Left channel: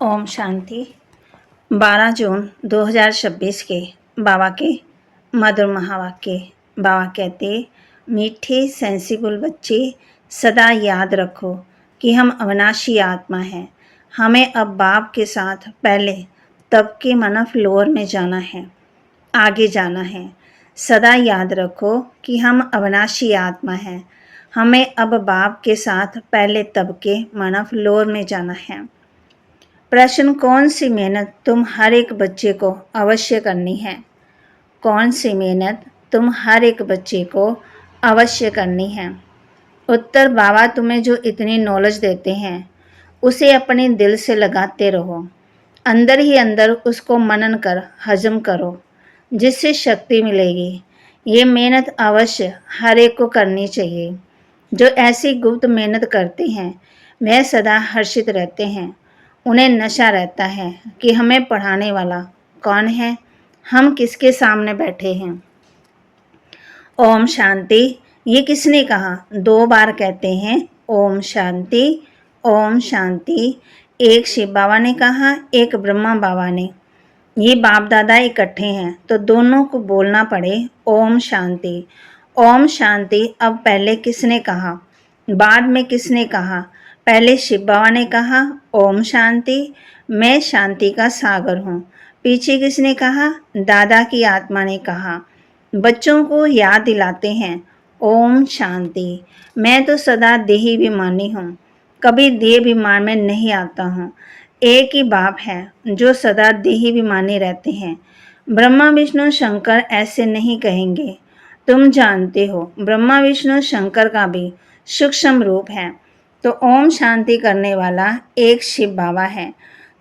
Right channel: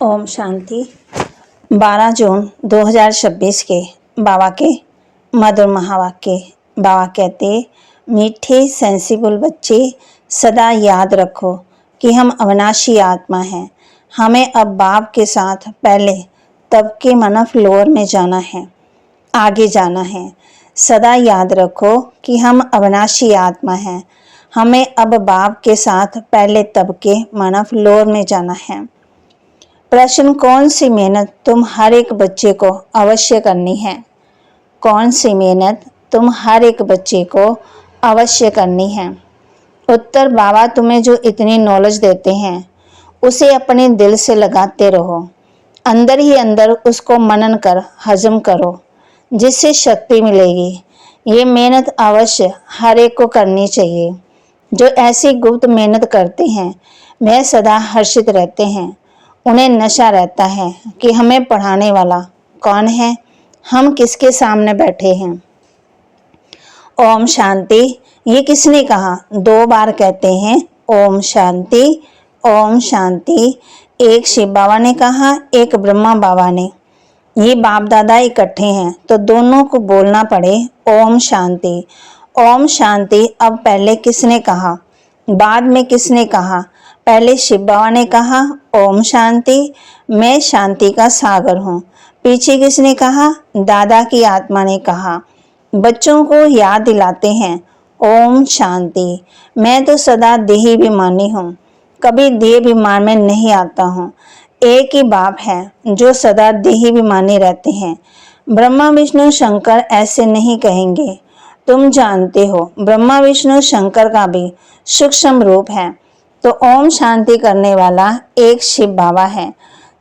ओम शांति। 12 जून 2026 के बाबा के मधुर महावाक्य। बाबा कहते, मीठे सेंसिबल बच्चे, सदा याद रखो कि हम अविनाशी आत्मा हैं। हमें अब बाप के साथ पहले तब के मन फ्लोर में जाना है, आगे जाना है। सदा याद रखो कि हम अविनाशी आत्मा हैं। हमें अब बाप के साथ पहले तब के मन फ्लोर में जाना है। प्रश्न, कौन सी मेहनत तुम हर एक बच्चे को अवश्य करनी है? कौन सी मेहनत तुम हर एक बच्चे को अवश्य करनी है? उत्तर, बाबा तुम्हें जो इतनी नॉलेज देते हैं उसे अपने दिल से लगाते रहो, अंदर ही अंदर उसको मनन कर हजम करो, जिससे शक्ति मिलेगी। ये मेहनत अवश्य हर एक को करनी चाहिए। जो ऐसी गुप्त मेहनत करते हैं वह सदा हर्षित रहते हैं। उन्हें नशा रहता है कि हमें पढ़ाने वाला कौन है, हम किसके सामने बैठे हैं। ओम शांति। ये किसने कहा? 2 बार कहते हैं ओम शांति, ओम शांति। एक शिव बाबा ने कहा, एक ब्रह्मा बाबा ने। ये बाप दादा इकट्ठे हैं तो दोनों को बोलना पड़े ओम शांति। ओम शांति। अब पहले किसने कहा, बाद में किसने कहा? पहले शिव बाबा ने कहा ओम शांति, मैं शांति का सागर हूँ। पीछे किसने कहा? दादा की आत्मा ने कहा। बच्चों को याद दिलाते हैं ओम शांति। मैं तो सदा देहाभिमानी हूँ, कभी देहाभिमान में नहीं आता हूँ। एक ही बाप है जो सदा देहाभिमानी रहते हैं। ब्रह्मा विष्णु शंकर ऐसे नहीं कहेंगे। तुम जानते हो ब्रह्मा विष्णु शंकर का भी सूक्ष्म रूप है। तो ओम शांति करने वाला एक शिव बाबा है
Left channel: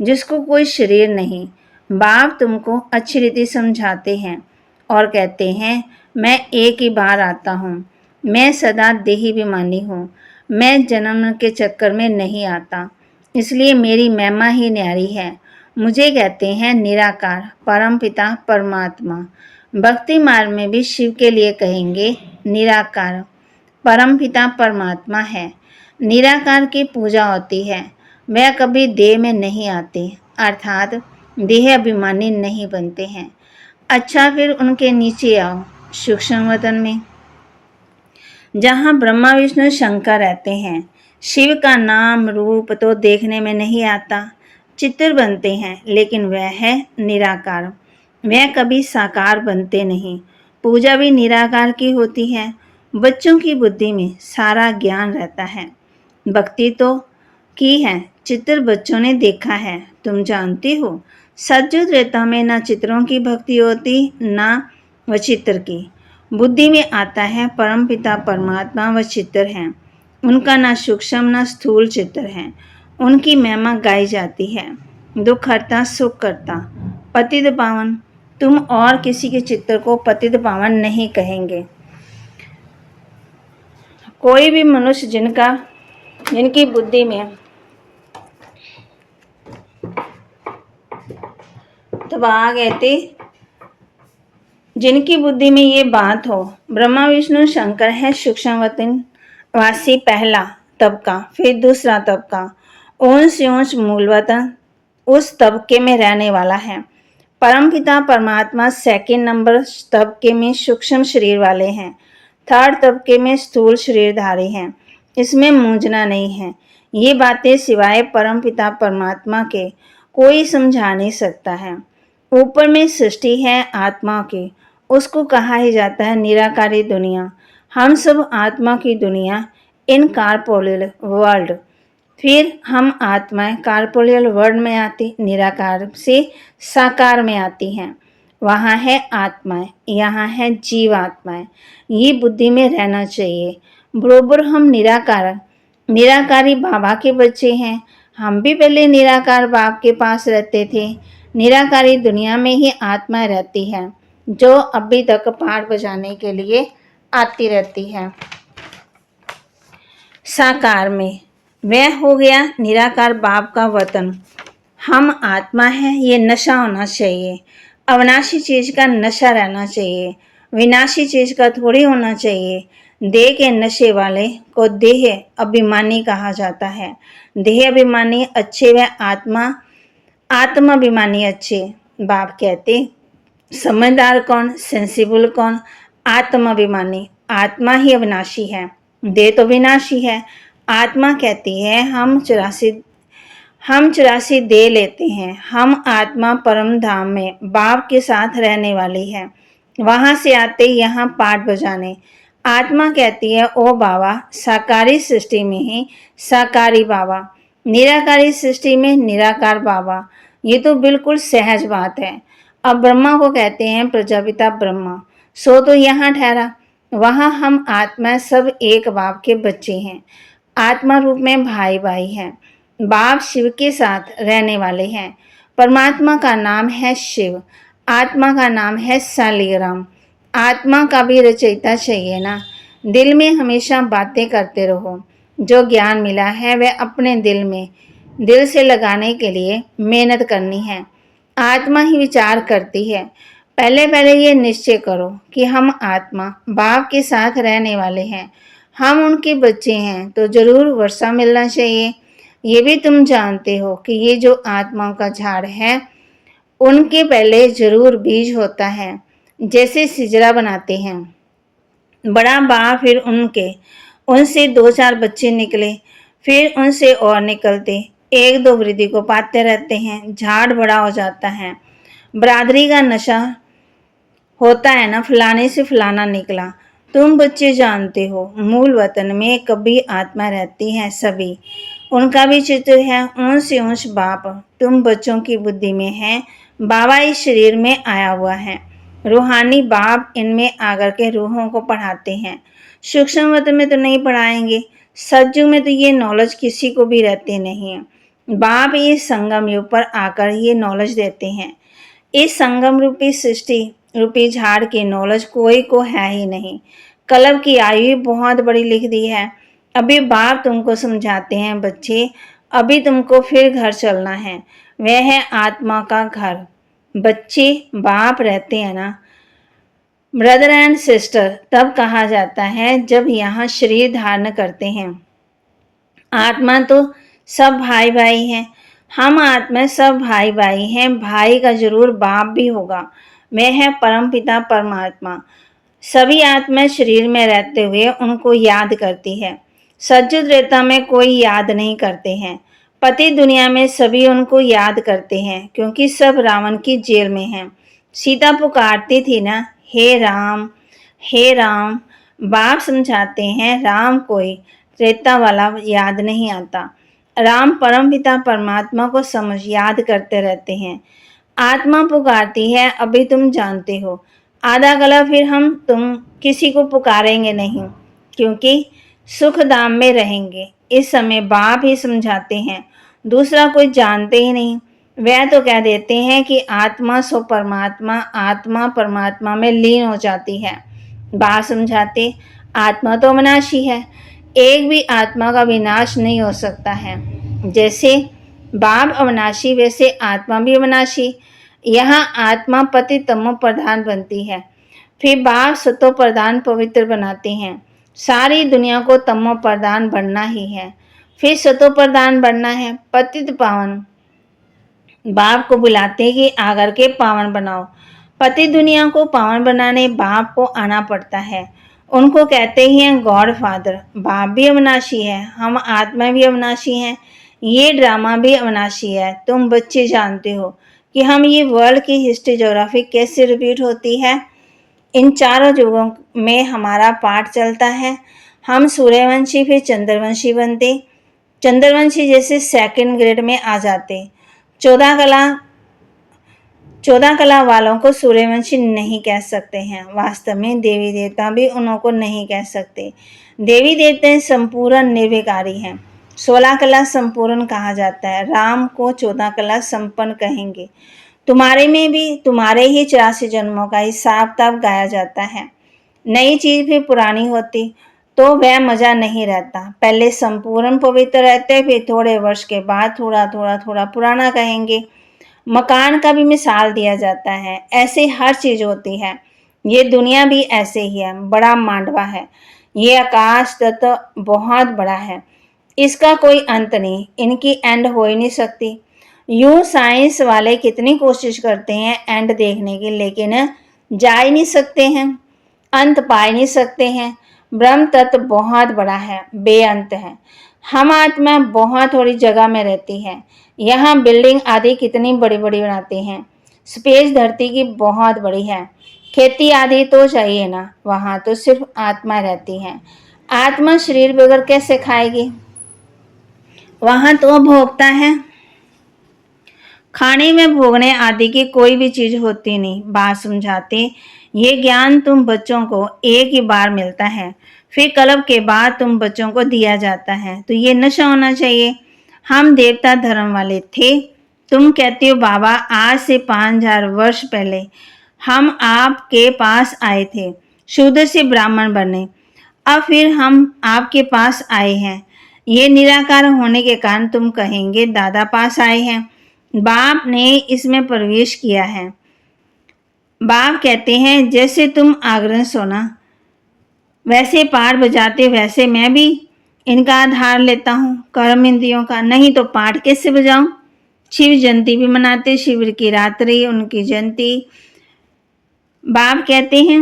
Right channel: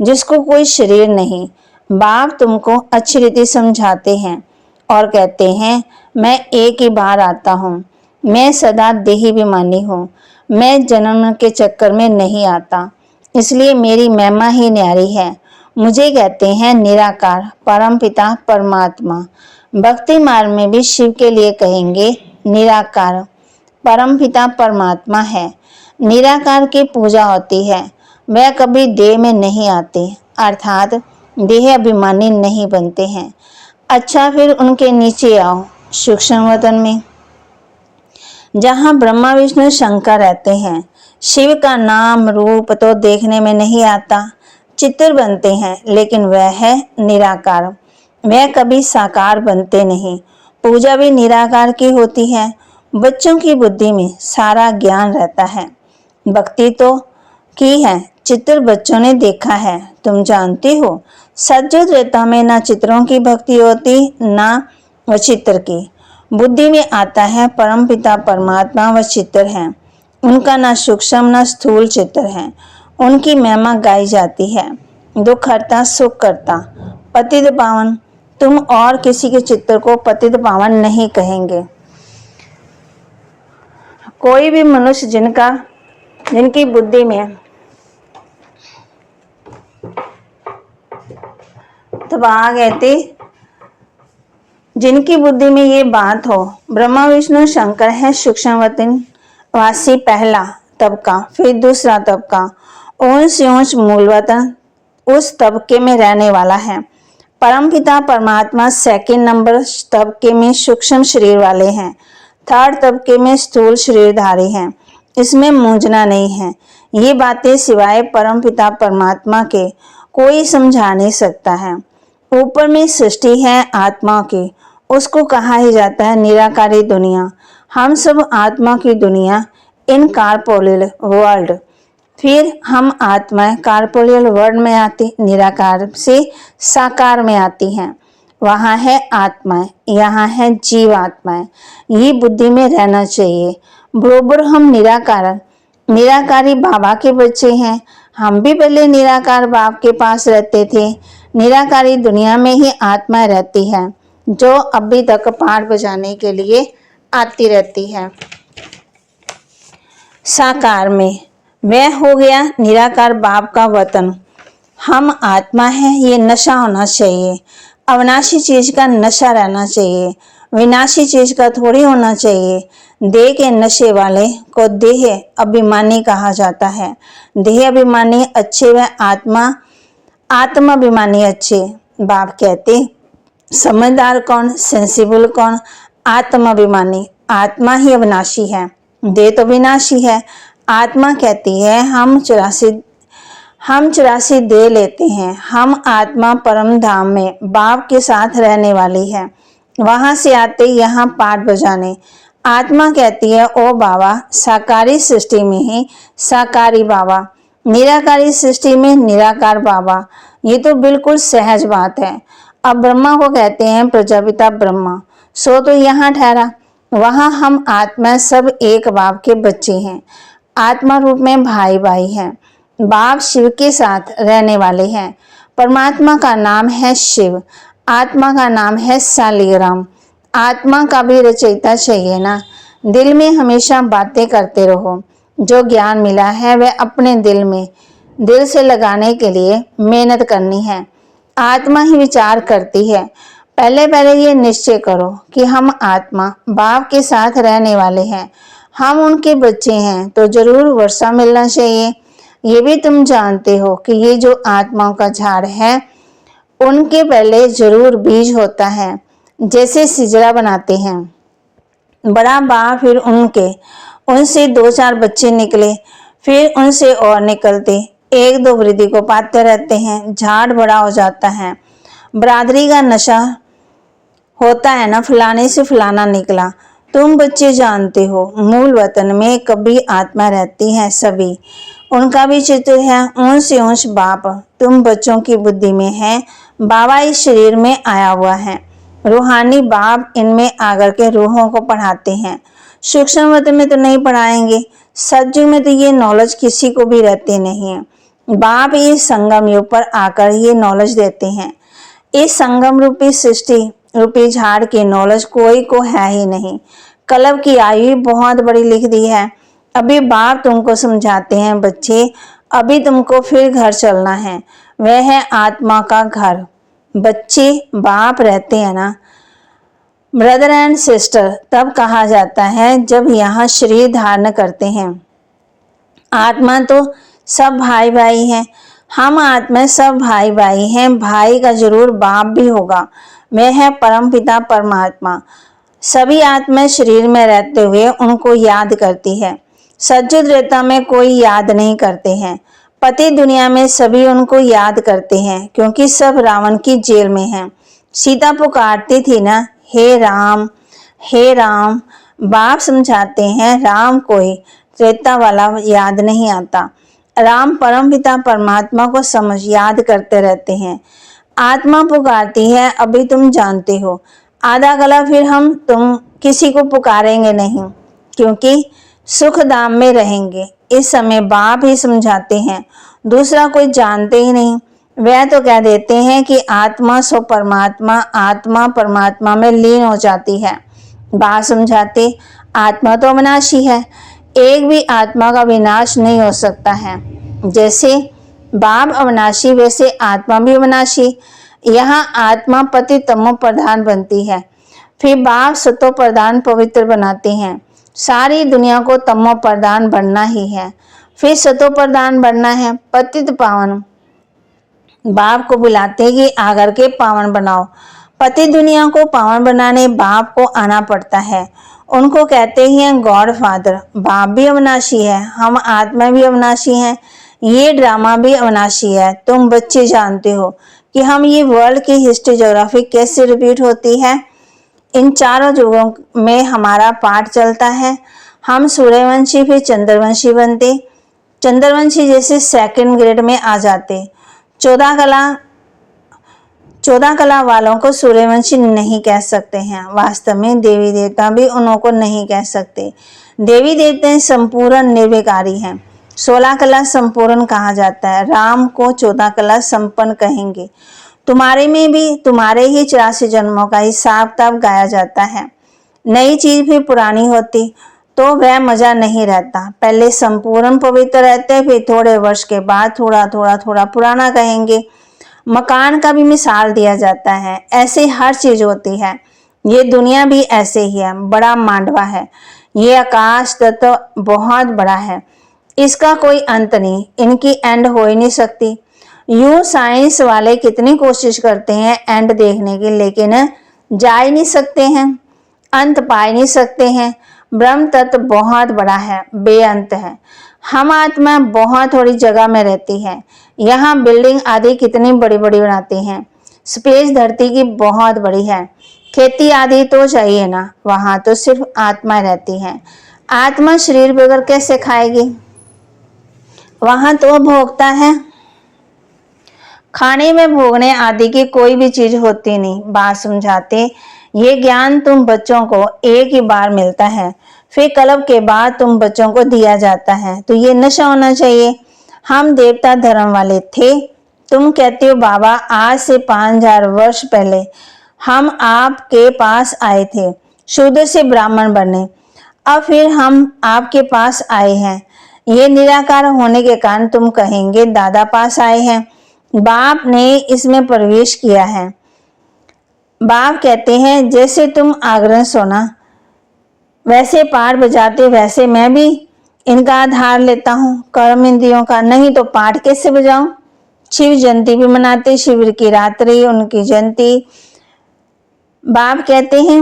जिसको कोई शरीर नहीं। बाप तुमको अच्छी रीति समझाते हैं और कहते हैं मैं एक ही बार आता हूँ। मैं सदा देहाभिमानी हूँ। मैं जन्म के चक्कर में नहीं आता, इसलिए मेरी महिमा ही न्यारी है। मुझे कहते हैं निराकार परम पिता परमात्मा। भक्ति मार्ग में भी शिव के लिए कहेंगे निराकार परम पिता परमात्मा है। निराकार की पूजा होती है, वह कभी देह में नहीं आते, अर्थात देह अभिमानी नहीं बनते हैं। अच्छा, फिर उनके नीचे आओ सूक्ष्म वतन में, जहाँ ब्रह्मा विष्णु शंकर रहते हैं। शिव का नाम रूप तो देखने में नहीं आता, चित्र बनते हैं, लेकिन वह है निराकार। वह कभी साकार बनते नहीं। पूजा भी निराकार की होती है। बच्चों की बुद्धि में सारा ज्ञान रहता है। भक्ति तो की है, चित्र बच्चों ने देखा है। तुम जानती हो सतयुग त्रेता में ना चित्रों की भक्ति होती ना व चित्र की। बुद्धि में आता है परम पिता परमात्मा व चित्र हैं। उनका ना सूक्ष्म ना स्थूल चित्र है। उनकी महिमा गाई जाती है। दुख हरता सुख करता पतित पावन। तुम और किसी के चित्र को पतित पावन नहीं कहेंगे। कोई भी मनुष्य जिनकी बुद्धि में तब आ गए थे, जिनकी बुद्धि में ये बात हो, ब्रह्मा विष्णु शंकर है सूक्ष्म वतन वासी पहला तबका, फिर दूसरा तबका, ऊंच मूल वतन उस तबके में रहने वाला है। परमपिता परमात्मा सेकंड नंबर तबके में सूक्ष्म शरीर वाले हैं। थर्ड तबके में स्थूल शरीरधारी हैं। इसमें मूंझना नहीं है। ये बातें सिवाय परमपिता परमात्मा के कोई समझा नहीं सकता है। ऊपर में सृष्टि है आत्मा की, उसको कहा ही जाता है निराकारी दुनिया। हम सब आत्मा की दुनिया, इन कारपोलियल वर्ल्ड। फिर हम आत्माएं कारपोलियल वर्ल्ड में आती, निराकार से साकार में आती हैं। वहाँ है आत्माएं, यहाँ है जीवात्माएं। ये बुद्धि में रहना चाहिए। बरोबर हम निराकारी बाबा के बच्चे हैं। हम भी पहले निराकार बाप के पास रहते थे। निराकारी दुनिया में ही आत्मा रहती है जो अभी तक पाठ बजाने के लिए आती रहती है। साकार में वह हो गया निराकार बाप का वतन। हम आत्मा हैं, ये नशा होना चाहिए। अविनाशी चीज का नशा रहना चाहिए, विनाशी चीज का थोड़ी होना चाहिए। देह के नशे वाले को देह अभिमानी कहा जाता है। देह अभिमानी अच्छे व आत्मा आत्माभिमानी अच्छे। बाप कहते समझदार कौन, सेंसिबल कौन, आत्माभिमानी। आत्मा ही अविनाशी है, देह तो विनाशी है। आत्मा कहती है हम 84 दे लेते हैं। हम आत्मा परम धाम में बाप के साथ रहने वाली है, वहां से आते यहाँ पाठ बजाने। आत्मा कहती है ओ बाबा, साकारी सृष्टि में ही साकारी बाबा, निराकारी सृष्टि में निराकार बाबा। ये तो बिल्कुल सहज बात है। अब ब्रह्मा को कहते हैं प्रजापिता ब्रह्मा, सो तो यहाँ ठहरा, वहां हम आत्मा सब एक बाप के बच्चे हैं। आत्मा रूप में भाई भाई हैं। बाप शिव के साथ रहने वाले हैं। परमात्मा का नाम है शिव, आत्मा का नाम है शालिग्राम। आत्मा का भी रचयिता चाहिए ना। दिल में हमेशा बातें करते रहो। जो ज्ञान मिला है वह अपने दिल से लगाने के लिए मेहनत करनी है। आत्मा ही विचार करती है। पहले ये निश्चय करो कि हम आत्मा बाप के साथ रहने वाले हैं, हम उनके बच्चे हैं, तो जरूर वर्षा मिलना चाहिए। ये भी तुम जानते हो कि ये जो आत्माओं का झाड़ है, उनके पहले जरूर बीज होता है। जैसे सिजरा बनाते हैं, बड़ा बाप, फिर उनसे 2-4 बच्चे निकले, फिर उनसे और निकलते, 1-2 वृद्धि को पाते रहते हैं, झाड़ बड़ा हो जाता है। बरादरी का नशा होता है ना, फलाने से फलाना निकला। तुम बच्चे जानते हो, मूल वतन में कभी आत्मा रहती है सभी, उनका भी चित्र है। ऊंच से ऊंच बाप तुम बच्चों की बुद्धि में है। बाबा इस शरीर में आया हुआ है। रूहानी बाप इनमें आकर के रूहों को पढ़ाते हैं। सूक्ष्म वतन में तो नहीं पढ़ाएंगे, सतयुग में तो ये नॉलेज किसी को भी रहते नहीं है। बाप इस संगम युग पर आकर ये नॉलेज देते हैं। इस संगम रूपी सृष्टि रूपी झाड़ की नॉलेज कोई को है ही नहीं। कलब की आयु बहुत बड़ी लिख दी है। अभी बाप तुमको समझाते हैं बच्चे, अभी तुमको फिर घर चलना है, वह है आत्मा का घर। बच्चे बाप रहते हैं ना, ब्रदर एंड सिस्टर तब कहा जाता है जब यहाँ शरीर धारण करते हैं। आत्मा तो सब भाई भाई हैं, हम आत्मा सब भाई भाई हैं। भाई का जरूर बाप भी होगा, वह है परम पिता परमात्मा। सभी आत्मा शरीर में रहते हुए उनको याद करती है। सज्जुद रेता में कोई याद नहीं करते हैं। पति दुनिया में सभी उनको याद करते हैं, क्योंकि सब रावण की जेल में हैं। सीता पुकारती थी ना, हे राम हे राम। बाप समझाते हैं राम कोई त्रेता वाला याद नहीं आता। राम परम पिता परमात्मा को समझ याद करते रहते हैं। आत्मा पुकारती है, अभी तुम जानते हो। आधा गला फिर तुम किसी को पुकारेंगे नहीं, क्योंकि सुख धाम में रहेंगे। इस समय बाप ही समझाते हैं, दूसरा कोई जानते ही नहीं। वह तो कह देते हैं कि आत्मा सो परमात्मा, आत्मा परमात्मा में लीन हो जाती है। बाप समझाते आत्मा तो अविनाशी है, एक भी आत्मा का विनाश नहीं हो सकता है। जैसे बाप अविनाशी वैसे आत्मा भी अविनाशी। यहाँ आत्मा पति तमो प्रधान बनती है, फिर बाप सतो प्रधान पवित्र बनाते हैं। सारी दुनिया को तमो प्रधान बनना ही है, फिर सतो प्रधान बनना है, पतित पावन। बाप को बुलाते कि आकर के पावन बनाओ। पति दुनिया को पावन बनाने बाप को आना पड़ता है। उनको कहते ही हैं गॉड फादर। बाप भी अविनाशी है, हम आत्मा भी अविनाशी हैं। ये ड्रामा भी अविनाशी है। तुम बच्चे जानते हो कि हम ये वर्ल्ड की हिस्ट्री ज्योग्राफी कैसे रिपीट होती है। इन चारों युगों में हमारा पाठ चलता है। हम सूर्यवंशी फिर चंद्रवंशी बनते, चंद्रवंशी जैसे सेकंड ग्रेड में आ जाते। 14 कला वालों को सूर्यवंशी नहीं कह सकते हैं। वास्तव में देवी देवता भी उन्हों को नहीं कह सकते। देवी देवता संपूर्ण निर्विकारी हैं। 16 कला संपूर्ण कहा जाता है। राम को 14 कला संपन्न कहेंगे। तुम्हारे में भी तुम्हारे ही 84 जन्मों का हिसाब तब गाया जाता है। नई चीज भी पुरानी होती तो वह मजा नहीं रहता। पहले संपूर्ण पवित्र रहते, फिर थोड़े वर्ष के बाद थोड़ा पुराना कहेंगे। मकान का भी मिसाल दिया जाता है। ऐसे हर चीज होती है। ये दुनिया भी ऐसे ही है, बड़ा मांडवा है। ये आकाश तत्व बहुत बड़ा है, इसका कोई अंत नहीं, इनकी एंड हो ही नहीं सकती। यूं साइंस वाले कितनी कोशिश करते हैं एंड देखने की, लेकिन जा ही नहीं सकते हैं, अंत पा ही नहीं सकते हैं। ब्रह्म तत्व बहुत बड़ा है, बेअंत है। हम आत्मा बहुत थोड़ी जगह में रहती है। यहाँ बिल्डिंग आदि कितनी बड़ी बड़ी बनाते हैं। स्पेस धरती की बहुत बड़ी है। खेती आदि तो चाहिए ना, वहां तो सिर्फ आत्मा रहती है। आत्मा शरीर बगैर कैसे खाएगी? वहां तो भोगता है। खाने में भोगने आदि की कोई भी चीज होती नहीं। बात समझाते, ये ज्ञान तुम बच्चों को एक ही बार मिलता है, फिर कल्प के बाद तुम बच्चों को दिया जाता है, तो ये नशा होना चाहिए। हम देवता धर्म वाले थे। तुम कहते हो बाबा आज से 5000 वर्ष पहले हम आपके पास आए थे, शूद्र से ब्राह्मण बने, अब फिर हम आपके पास आए हैं। ये निराकार होने के कारण तुम कहेंगे दादा पास आए हैं, बाप ने इसमें प्रवेश किया है। बाप कहते हैं जैसे तुम आगरण सोना वैसे पाठ बजाते, वैसे मैं भी इनका आधार लेता हूँ, कर्म इंद्रियों का, नहीं तो पाठ कैसे बजाऊं? शिव जयंती भी मनाते, शिविर की रात्रि उनकी जयंती। बाप कहते हैं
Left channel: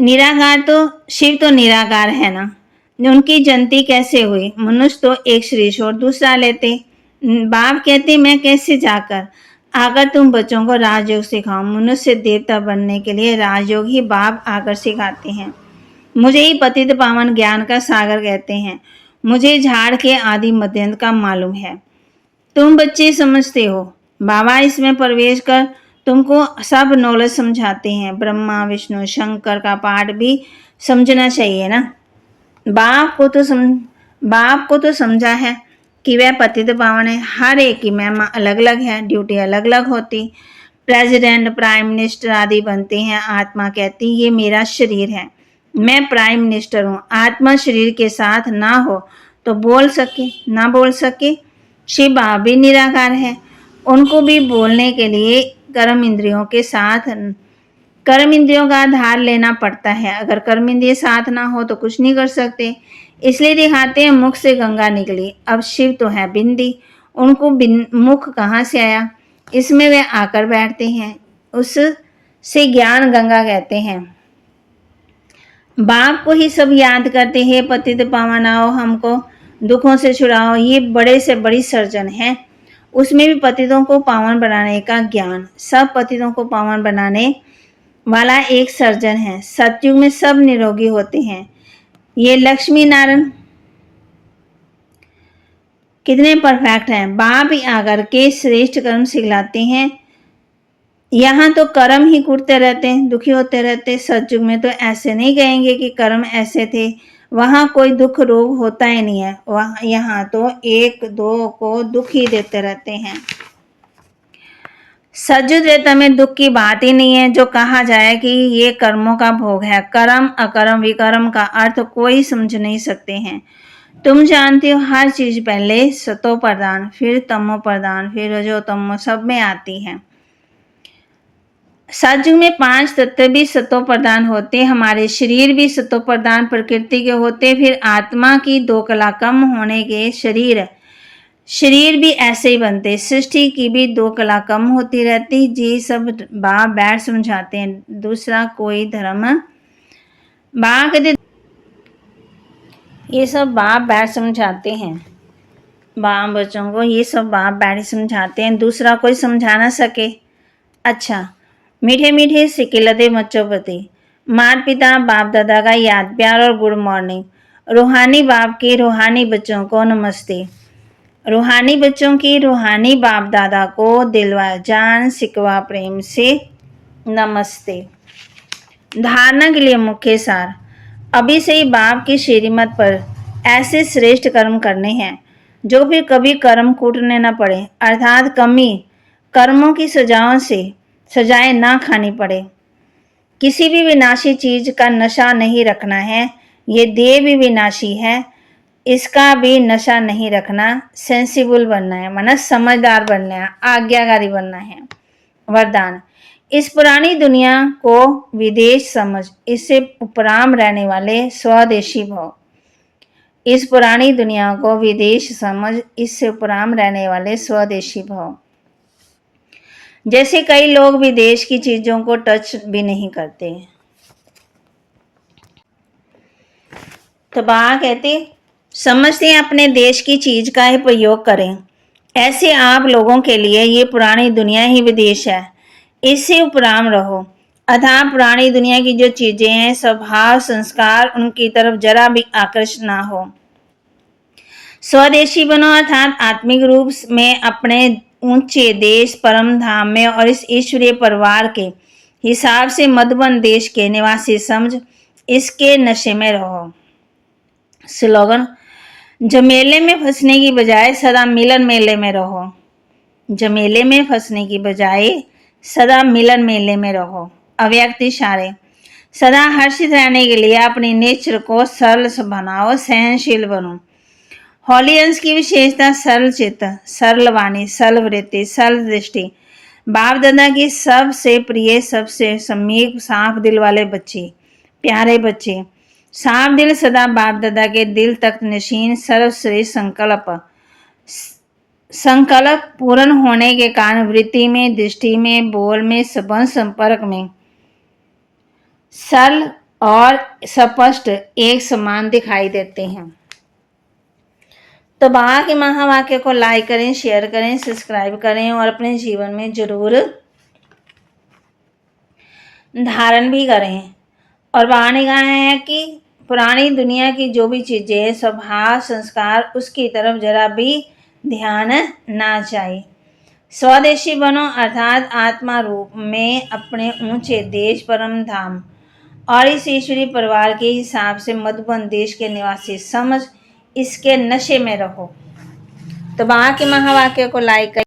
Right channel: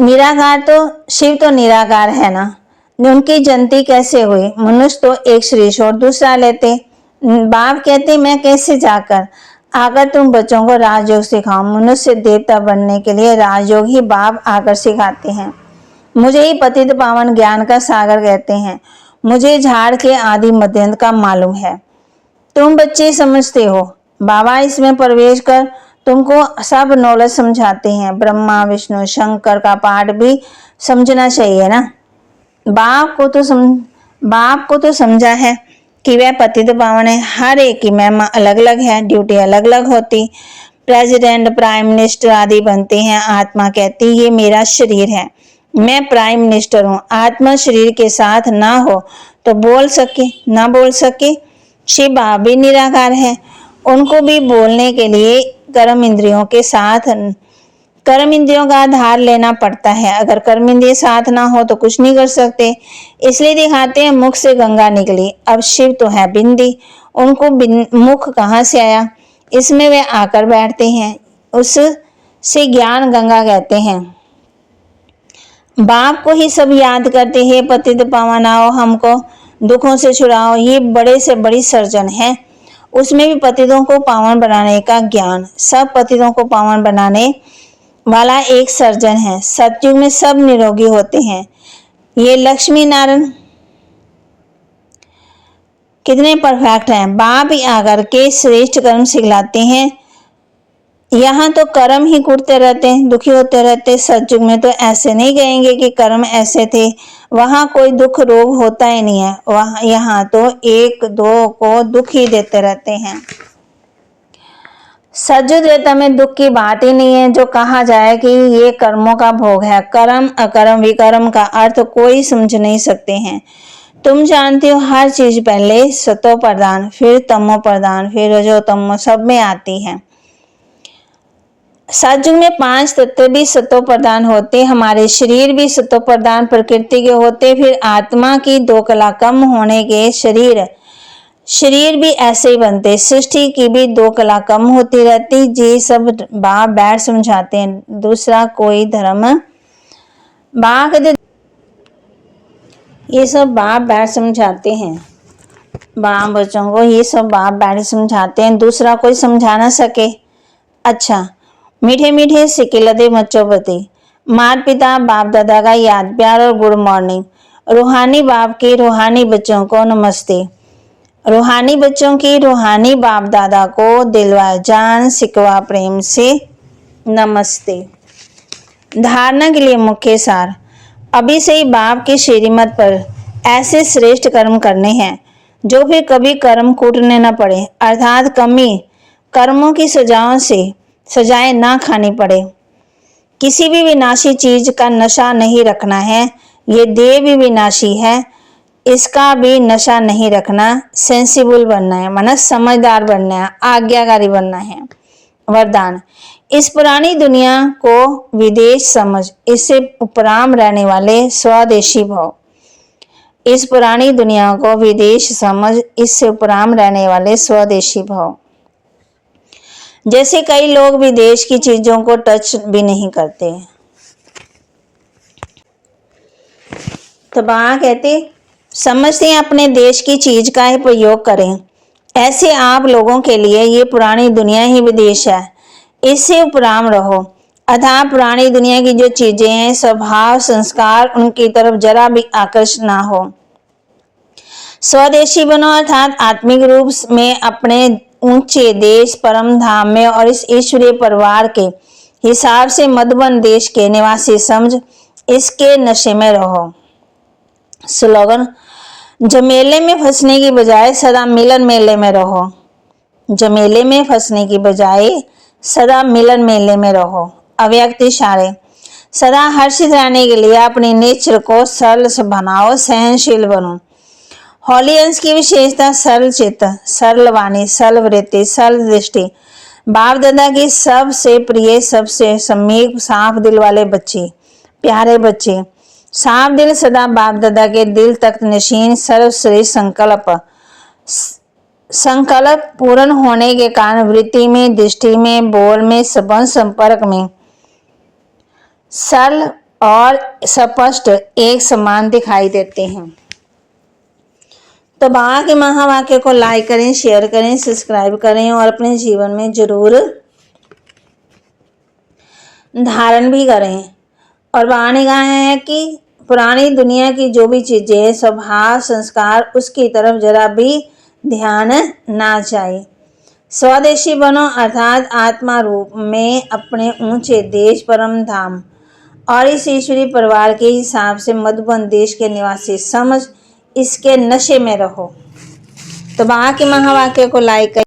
निराकार, तो शिव तो निराकार है ना, उनकी जयंती कैसे हुई? मनुष्य तो एक शरीर छोड़ दूसरा लेते। बाप कहते मैं कैसे जाकर आकर तुम बच्चों को राजयोग सिखाऊं? मनुष्य देवता बनने के लिए राजयोग ही बाप आकर सिखाते हैं। मुझे ही पतित पावन ज्ञान का सागर कहते हैं। मुझे झाड़ के आदि मध्यंत का मालूम है। तुम बच्चे समझते हो, बाबा इसमें प्रवेश कर तुमको सब नॉलेज समझाते हैं। ब्रह्मा विष्णु शंकर का पाठ भी समझना चाहिए ना। बाप को तो समझा है कि वह पतित पावन है। हर एक की महिमा अलग अलग है, ड्यूटी अलग अलग होती। प्रेसिडेंट प्राइम मिनिस्टर आदि बनते हैं। आत्मा कहती ये मेरा शरीर है, मैं प्राइम मिनिस्टर हूँ। आत्मा शरीर के साथ ना हो तो बोल सके ना बोल सके। शिव बाबा भी निराकार है, उनको भी बोलने के लिए कर्म इंद्रियों के साथ कर्म इंद्रियों का आधार लेना पड़ता है। अगर कर्म इंद्रिय साथ ना हो तो कुछ नहीं कर सकते। इसलिए दिखाते हैं मुख से गंगा निकली। अब शिव तो है बिंदी, उनको मुख कहाँ से आया? इसमें वे आकर बैठते हैं, उससे ज्ञान गंगा कहते हैं। बाप को ही सब याद करते हैं, पतित पावन आओ हमको दुखों से छुड़ाओ। ये बड़े से बड़ी सर्जन है, उसमें भी पतितों को पावन बनाने का ज्ञान। सब पतितों को पावन बनाने वाला एक सर्जन है। सतयुग में सब निरोगी होते हैं। ये लक्ष्मी नारायण कितने परफेक्ट हैं। बाप ही आकर के श्रेष्ठ कर्म सिखलाते हैं। यहाँ तो कर्म ही कूटते रहते हैं, दुखी होते रहते। सतयुग में तो ऐसे नहीं कहेंगे कि कर्म ऐसे थे, वहां कोई दुख रोग होता ही नहीं है। वहां यहाँ तो एक दो को दुख ही देते रहते हैं। सतयुग त्रेता में दुख की बात ही नहीं है। जो कहा जाए कि ये कर्मों का भोग है, कर्म अकर्म विकर्म का अर्थ कोई समझ नहीं सकते हैं। तुम जानते हो हर चीज पहले सतो प्रधान, फिर तमो प्रधान, फिर रजो तमो सब में आती है। सतयुग में 5 तत्व भी सतो प्रधान होते, हमारे शरीर भी सतो प्रधान प्रकृति के होते। फिर आत्मा की 2 कला कम होने के शरीर भी ऐसे ही बनते। सृष्टि की भी 2 कला कम होती रहती। जी सब बाप बैठ समझाते हैं। दूसरा कोई धर्म बाप कहते ये सब बाप बैठ समझाते हैं। बाप बच्चों को ये सब बाप बैठ समझाते हैं, दूसरा कोई समझा ना सके। अच्छा, मीठे मीठे सिकिलदे बच्चों माता पिता बाप दादा का याद प्यार और गुड मॉर्निंग। रूहानी बाप के रूहानी बच्चों को नमस्ते। रूहानी बच्चों की रूहानी बाप दादा को दिलवा जान सिकवा प्रेम से नमस्ते। धारणा के लिए मुख्य सार, अभी से ही बाप की श्रीमत पर ऐसे श्रेष्ठ कर्म करने हैं जो फिर कभी कर्म कूटने न पड़े, अर्थात कमी कर्मों की सजाएं ना खानी पड़े। किसी भी विनाशी चीज का नशा नहीं रखना है। ये देह भी विनाशी है, इसका भी नशा नहीं रखना। सेंसिबल बनना है, माना समझदार बनना है, आज्ञाकारी बनना है। वरदान, इस पुरानी दुनिया को विदेश समझ, इससे उपराम रहने वाले स्वदेशी भव। इस पुरानी दुनिया को विदेश समझ, इससे उपराम रहने वाले स्वदेशी भाव। जैसे कई लोग विदेश की चीजों को टच भी नहीं करते। तो बाबा कहते समझते हैं अपने देश की चीज का ही प्रयोग करें। ऐसे आप लोगों के लिए ये पुरानी दुनिया ही विदेश है, इससे उपराम रहो। अतः पुरानी दुनिया की जो चीजें हैं, स्वभाव संस्कार, उनकी तरफ जरा भी आकर्षित ना हो। स्वदेशी बनो अर्थात आत्मिक रूप में अपने ऊंचे देश परम धाम में और इस ईश्वरीय परिवार के हिसाब से मधुबन देश के निवासी समझ इसके नशे में रहो। स्लोगन, झमेले में फंसने की बजाय सदा मिलन मेले में रहो। झमेले में फंसने की बजाय सदा मिलन मेले में रहो। अव्यक्त इशारे, सदा हर्षित रहने के लिए अपने नेचर को सरल बनाओ, सहनशील बनो। होली अंश की विशेषता सरल चित्त, सरल वाणी, सरल वृत्ति, सरल दृष्टि। बाप दादा की सबसे प्रिय, सबसे समीप, साफ दिल वाले बच्चे, प्यारे बच्चे। साफ दिल सदा बाप दादा के दिल तक नशीन, सर्वश्रेष्ठ संकल्प पूर्ण होने के कारण वृत्ति में, दृष्टि में, बोल में, संबंध संपर्क में सरल और स्पष्ट एक समान दिखाई देते हैं। तो बाबा के महावाक्य को लाइक करें, शेयर करें, सब्सक्राइब करें और अपने जीवन में जरूर धारण भी करें। और बाबा ने कहा है कि पुरानी दुनिया की जो भी चीजें, स्वभाव संस्कार, उसकी तरफ जरा भी ध्यान ना चाहिए। स्वदेशी बनो अर्थात आत्मा रूप में अपने ऊंचे देश परम धाम और इस ईश्वरीय परिवार के हिसाब से मधुबन देश के निवासी समझ इसके नशे में रहो। तो बाबा के महावाक्य को लाइक